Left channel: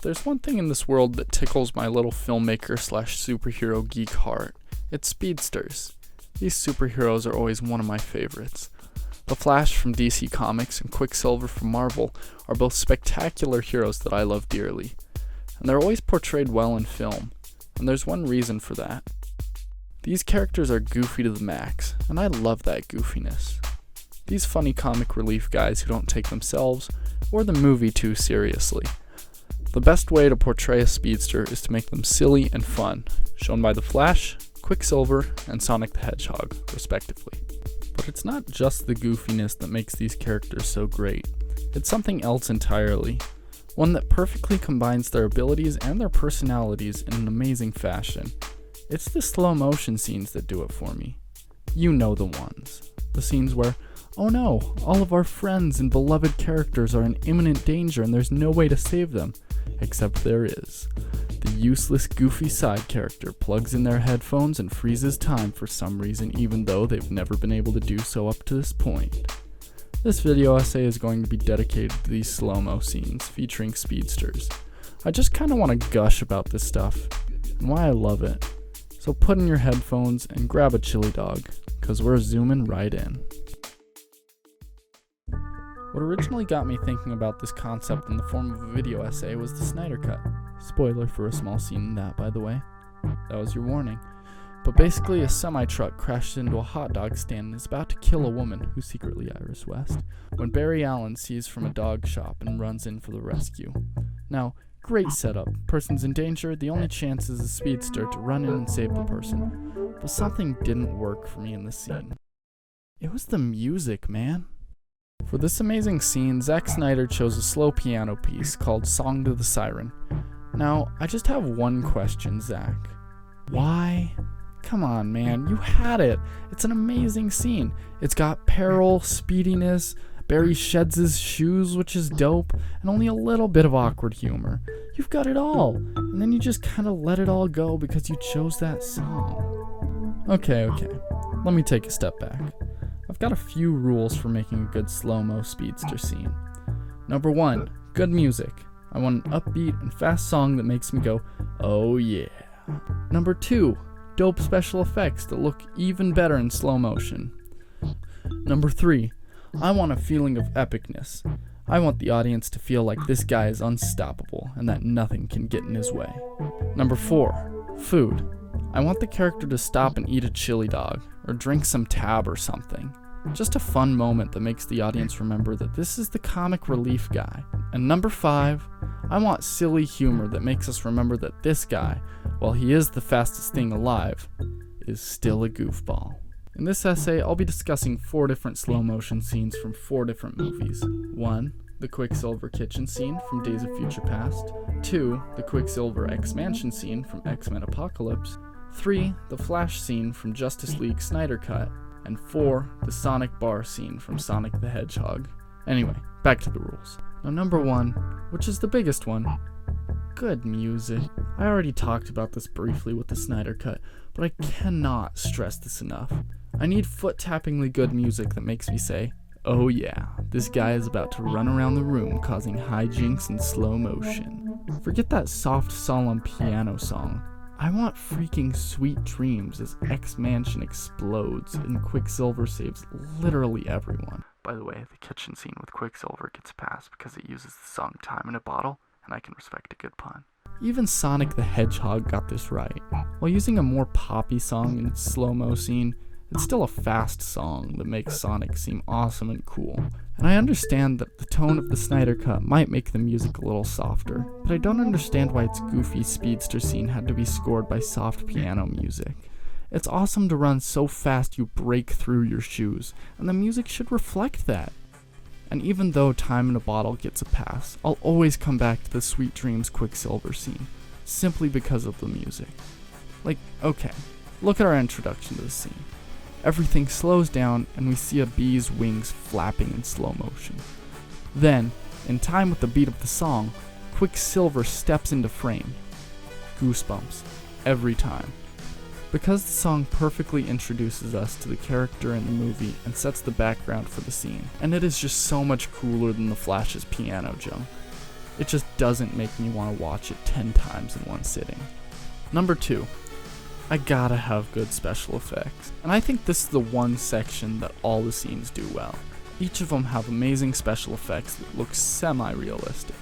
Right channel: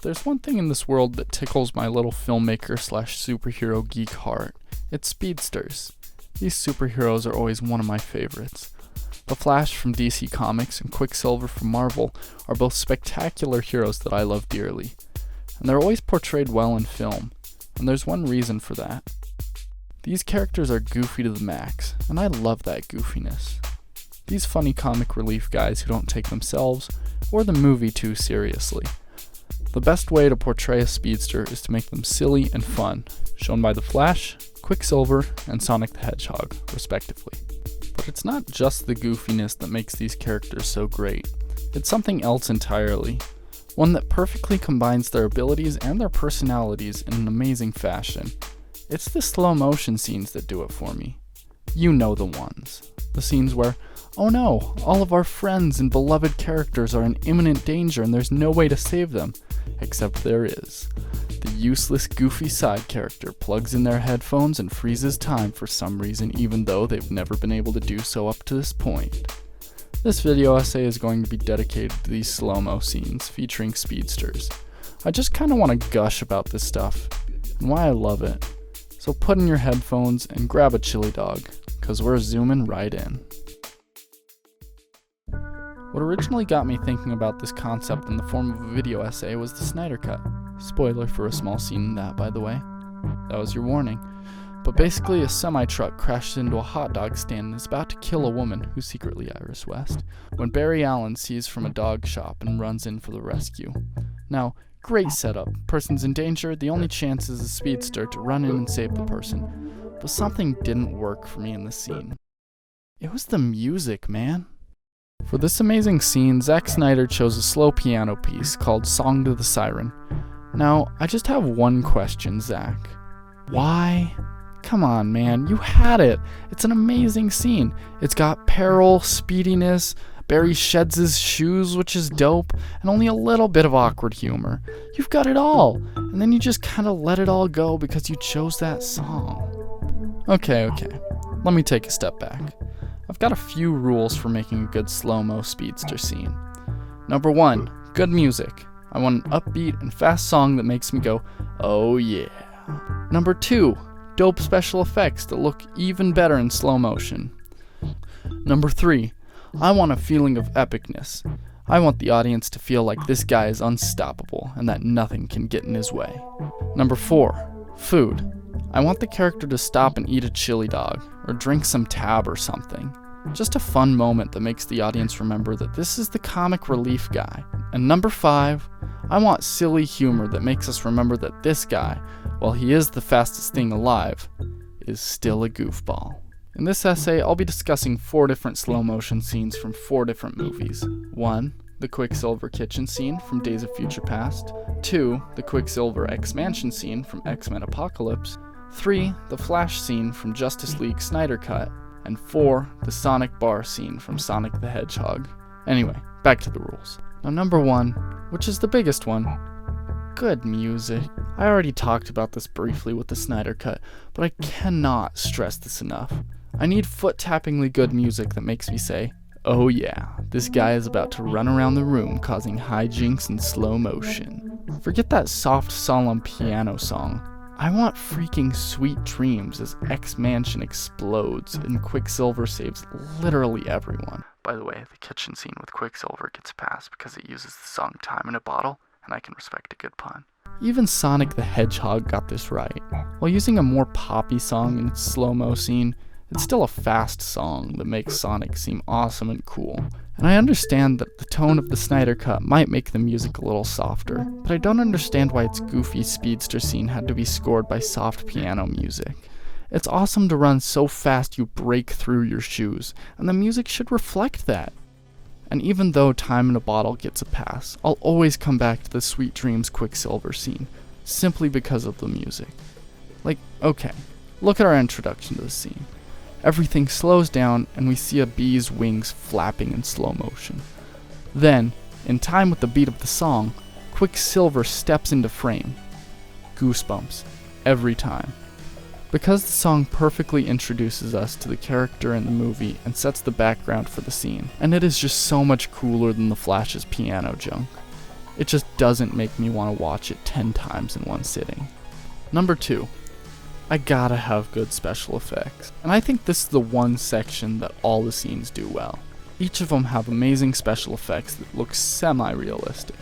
if there's one thing in this world that tickles my little filmmaker/superhero geek heart, it's speedsters. These superheroes are always one of my favorites. The Flash from DC Comics and Quicksilver from Marvel are both spectacular heroes that I love dearly, and they're always portrayed well in film, and there's one reason for that. These characters are goofy to the max, and I love that goofiness. These funny comic relief guys who don't take themselves or the movie too seriously. The best way to portray a speedster is to make them silly and fun, shown by the Flash, Quicksilver, and Sonic the Hedgehog, respectively. But it's not just the goofiness that makes these characters so great. It's something else entirely. One that perfectly combines their abilities and their personalities in an amazing fashion. It's the slow motion scenes that do it for me. You know the ones. The scenes where, oh no, all of our friends and beloved characters are in imminent danger and there's no way to save them. Except there is. The useless, goofy side character plugs in their headphones and freezes time for some reason, even though they've never been able to do so up to this point. This video essay is going to be dedicated to these slow-mo scenes featuring speedsters. I just kinda wanna gush about this stuff, and why I love it. So put in your headphones and grab a chili dog, cause we're zooming right in. What originally got me thinking about this concept in the form of a video essay was the Snyder Cut. Spoiler for a small scene in that, by the way. That was your warning. But basically, a semi-truck crashes into a hot dog stand and is about to kill a woman who's secretly Iris West, when Barry Allen sees from a dog shop and runs in for the rescue. Now, great setup. Person's in danger, the only chance is a speedster to run in and save the person. But something didn't work for me in this scene. It was the music, man. For this amazing scene, Zack Snyder chose a slow piano piece called Song to the Siren. Now, I just have one question, Zack. Why? Come on, man, you had it. It's an amazing scene. It's got peril, speediness, Barry sheds his shoes, which is dope, and only a little bit of awkward humor. You've got it all, and then you just kind of let it all go because you chose that song. Okay, let me take a step back. I've got a few rules for making a good slow-mo speedster scene. Number 1, good music. I want an upbeat and fast song that makes me go, oh yeah. Number 2, dope special effects that look even better in slow motion. Number 3, I want a feeling of epicness. I want the audience to feel like this guy is unstoppable and that nothing can get in his way. Number 4, food. I want the character to stop and eat a chili dog, or drink some tab or something. Just a fun moment that makes the audience remember that this is the comic relief guy. And number 5, I want silly humor that makes us remember that this guy, while he is the fastest thing alive, is still a goofball. In this essay, I'll be discussing 4 different slow motion scenes from 4 different movies. 1, the Quicksilver kitchen scene from Days of Future Past. 2, the Quicksilver X-Mansion scene from X-Men Apocalypse. 3, the Flash scene from Justice League Snyder Cut. And 4, the Sonic bar scene from Sonic the Hedgehog. Anyway, back to the rules. Now number 1, which is the biggest one, good music. I already talked about this briefly with the Snyder Cut, but I cannot stress this enough. I need foot-tappingly good music that makes me say, oh yeah, this guy is about to run around the room causing hijinks in slow motion. Forget that soft, solemn piano song. I want freaking sweet dreams as X-Mansion explodes and Quicksilver saves literally everyone. By the way, the kitchen scene with Quicksilver gets passed because it uses the song Time in a Bottle, and I can respect a good pun. Even Sonic the Hedgehog got this right. While using a more poppy song in its slow-mo scene, it's still a fast song that makes Sonic seem awesome and cool. And I understand that the tone of the Snyder Cut might make the music a little softer, but I don't understand why its goofy speedster scene had to be scored by soft piano music. It's awesome to run so fast you break through your shoes, and the music should reflect that. And even though Time in a Bottle gets a pass, I'll always come back to the Sweet Dreams Quicksilver scene, simply because of the music. Like, okay, look at our introduction to the scene. Everything slows down and we see a bee's wings flapping in slow motion. Then, in time with the beat of the song, Quicksilver steps into frame. Goosebumps. Every time. Because the song perfectly introduces us to the character in the movie and sets the background for the scene, and it is just so much cooler than the Flash's piano junk. It just doesn't make me want to watch it 10 times in one sitting. Number 2. I gotta have good special effects. And I think this is the one section that all the scenes do well. Each of them have amazing special effects that look semi-realistic.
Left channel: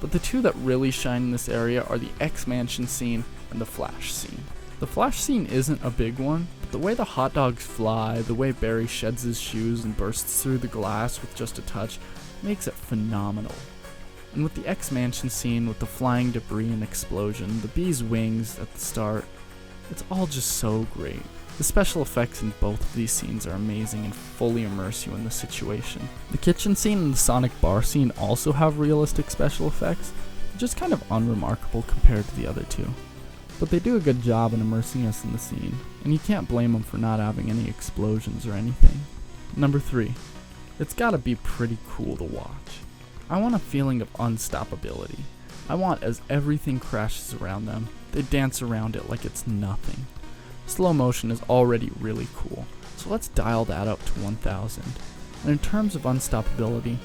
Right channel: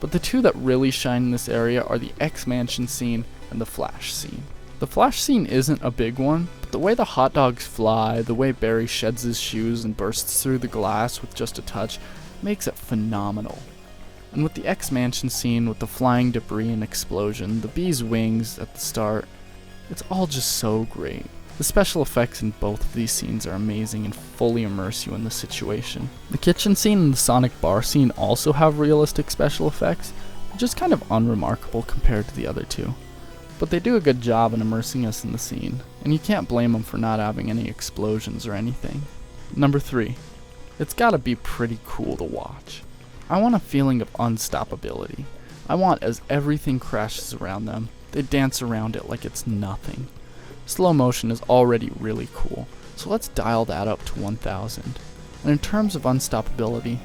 But the two that really shine in this area are the X-Mansion scene and the Flash scene. The Flash scene isn't a big one, but the way the hot dogs fly, the way Barry sheds his shoes and bursts through the glass with just a touch, makes it phenomenal. And with the X-Mansion scene, with the flying debris and explosion, the bee's wings at the start, it's all just so great. The special effects in both of these scenes are amazing and fully immerse you in the situation. The kitchen scene and the Sonic bar scene also have realistic special effects, just kind of unremarkable compared to the other two. But they do a good job in immersing us in the scene, and you can't blame them for not having any explosions or anything. Number 3. It's gotta be pretty cool to watch. I want a feeling of unstoppability. I want as everything crashes around them, they dance around it like it's nothing. Slow motion is already really cool, so let's dial that up to 1000. And in terms of unstoppability,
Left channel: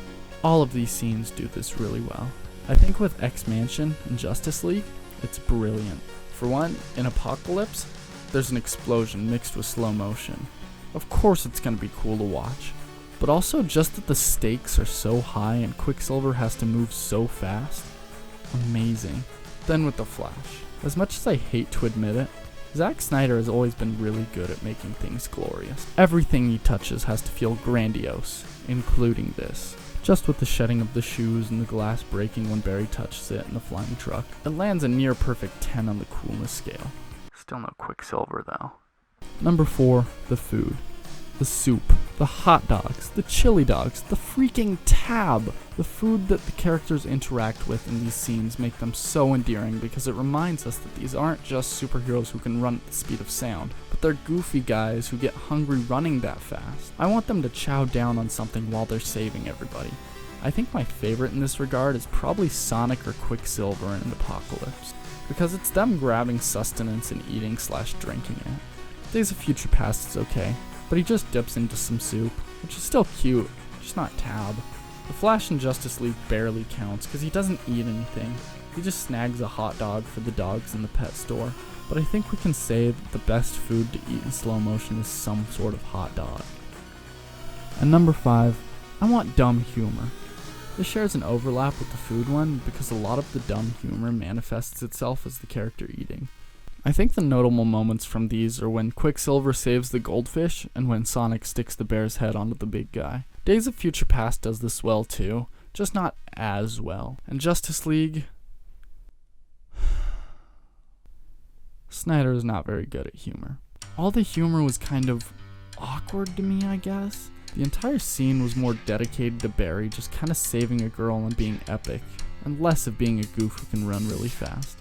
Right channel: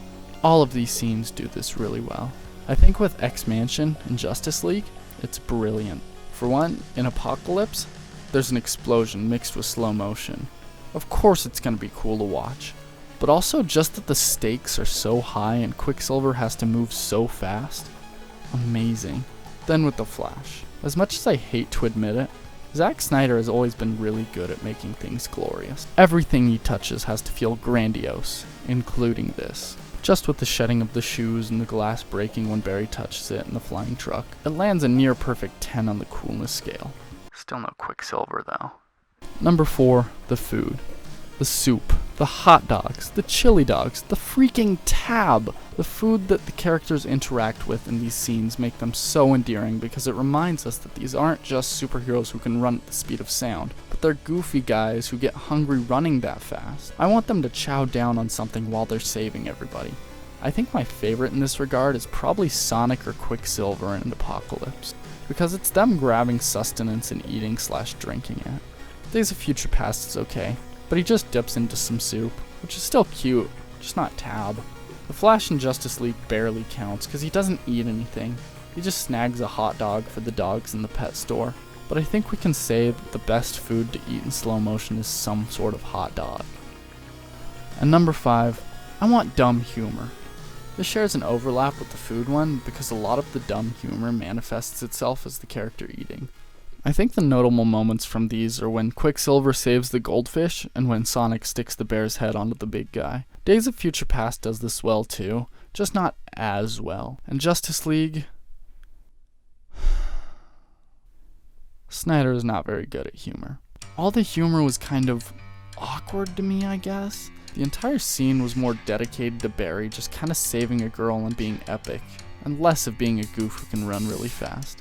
all of these scenes do this really well. I think with X-Mansion and Justice League, it's brilliant. For one, in Apocalypse, there's an explosion mixed with slow motion. Of course it's going to be cool to watch, but also just that the stakes are so high and Quicksilver has to move so fast. Amazing. Then with the Flash. As much as I hate to admit it, Zack Snyder has always been really good at making things glorious. Everything he touches has to feel grandiose, including this. Just with the shedding of the shoes and the glass breaking when Barry touches it in the flying truck, it lands a near perfect 10 on the coolness scale. Still no Quicksilver though. Number 4, the food. The soup, the hot dogs, the chili dogs, the freaking tab. The food that the characters interact with in these scenes make them so endearing because it reminds us that these aren't just superheroes who can run at the speed of sound, but they're goofy guys who get hungry running that fast. I want them to chow down on something while they're saving everybody. I think my favorite in this regard is probably Sonic or Quicksilver in Apocalypse, because it's them grabbing sustenance and eating/drinking it. Days of Future Past is okay, but he just dips into some soup, which is still cute, just not tab. The Flash in Justice League barely counts because he doesn't eat anything. He just snags a hot dog for the dogs in the pet store. But I think we can say that the best food to eat in slow motion is some sort of hot dog. And number 5, I want dumb humor. This shares an overlap with the food one because a lot of the dumb humor manifests itself as the character eating. I think the notable moments from these are when Quicksilver saves the goldfish and when Sonic sticks the bear's head onto the big guy. Days of Future Past does this well too, just not as well. And Justice League... Snyder is not very good at humor. All the humor was kind of awkward to me, I guess. The entire scene was more dedicated to Barry just kind of saving a girl and being epic, and less of being a goof who can run really fast.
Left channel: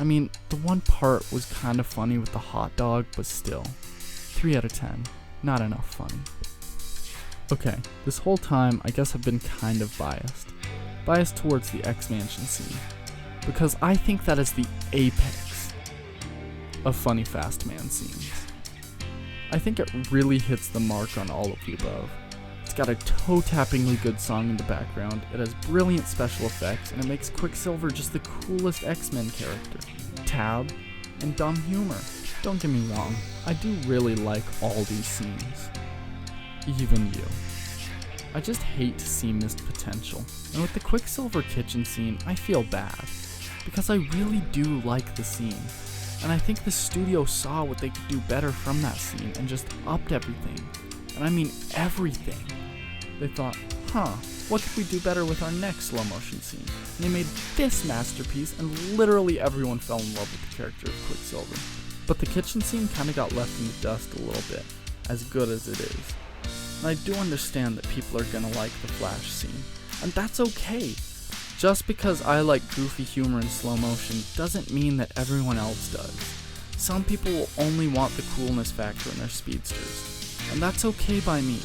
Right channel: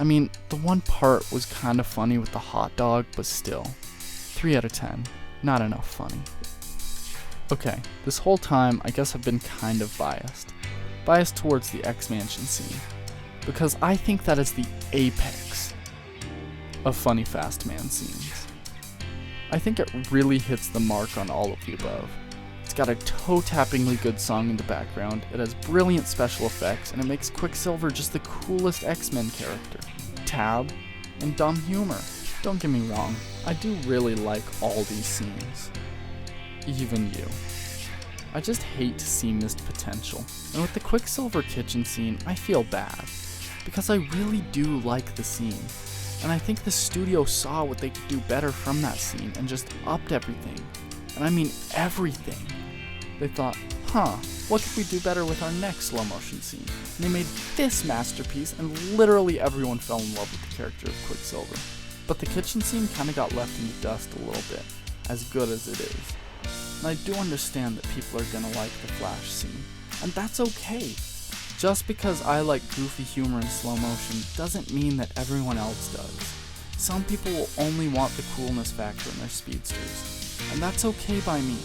I mean, the one part was kind of funny with the hot dog, but still. 3 out of 10. Not enough funny. Okay, this whole time, I guess I've been kind of biased. Biased towards the X-Mansion scene. Because I think that is the apex of funny fast man scenes. I think it really hits the mark on all of the above. It's got a toe-tappingly good song in the background, it has brilliant special effects, and it makes Quicksilver just the coolest X-Men character. Tab, and dumb humor. Don't get me wrong, I do really like all these scenes. Even you. I just hate to see missed potential. And with the Quicksilver kitchen scene, I feel bad. Because I really do like the scene. And I think the studio saw what they could do better from that scene and just upped everything. And I mean everything. They thought, what could we do better with our next slow motion scene? And they made this masterpiece and literally everyone fell in love with the character of Quicksilver. But the kitchen scene kinda got left in the dust a little bit, as good as it is. And I do understand that people are gonna like the Flash scene, and that's okay. Just because I like goofy humor in slow motion doesn't mean that everyone else does. Some people will only want the coolness factor in their speedsters, and that's okay by me.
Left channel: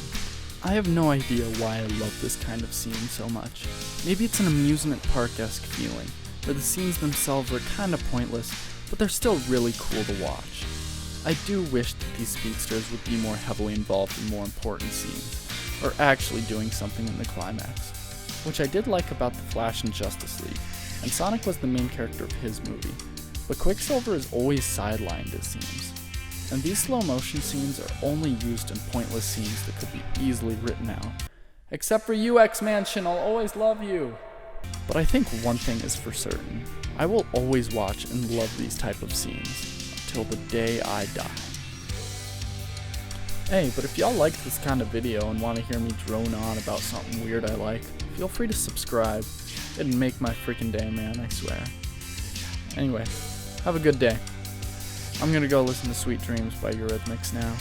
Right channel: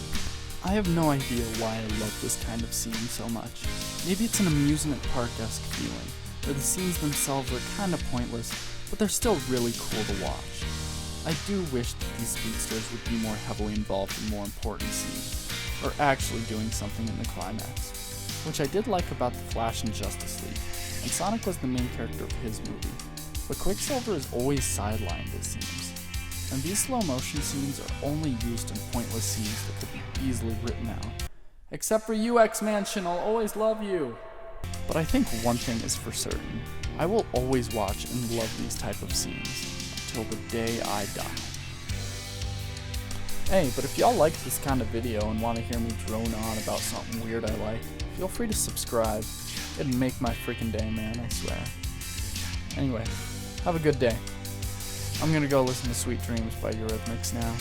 I have no idea why I love this kind of scene so much. Maybe it's an amusement park-esque feeling, where the scenes themselves are kinda pointless, but they're still really cool to watch. I do wish that these speedsters would be more heavily involved in more important scenes, or actually doing something in the climax. which I did like about The Flash and Justice League, and Sonic was the main character of his movie, but Quicksilver is always sidelined, it seems. And these slow motion scenes are only used in pointless scenes that could be easily written out. Except for you, X-Mansion, I'll always love you! But I think one thing is for certain. I will always watch and love these type of scenes until the day I die. Hey, but if y'all like this kind of video and want to hear me drone on about something weird I like, feel free to subscribe. It'd make my freaking day, man, I swear. Anyway, have a good day. I'm gonna go listen to Sweet Dreams by Eurythmics now.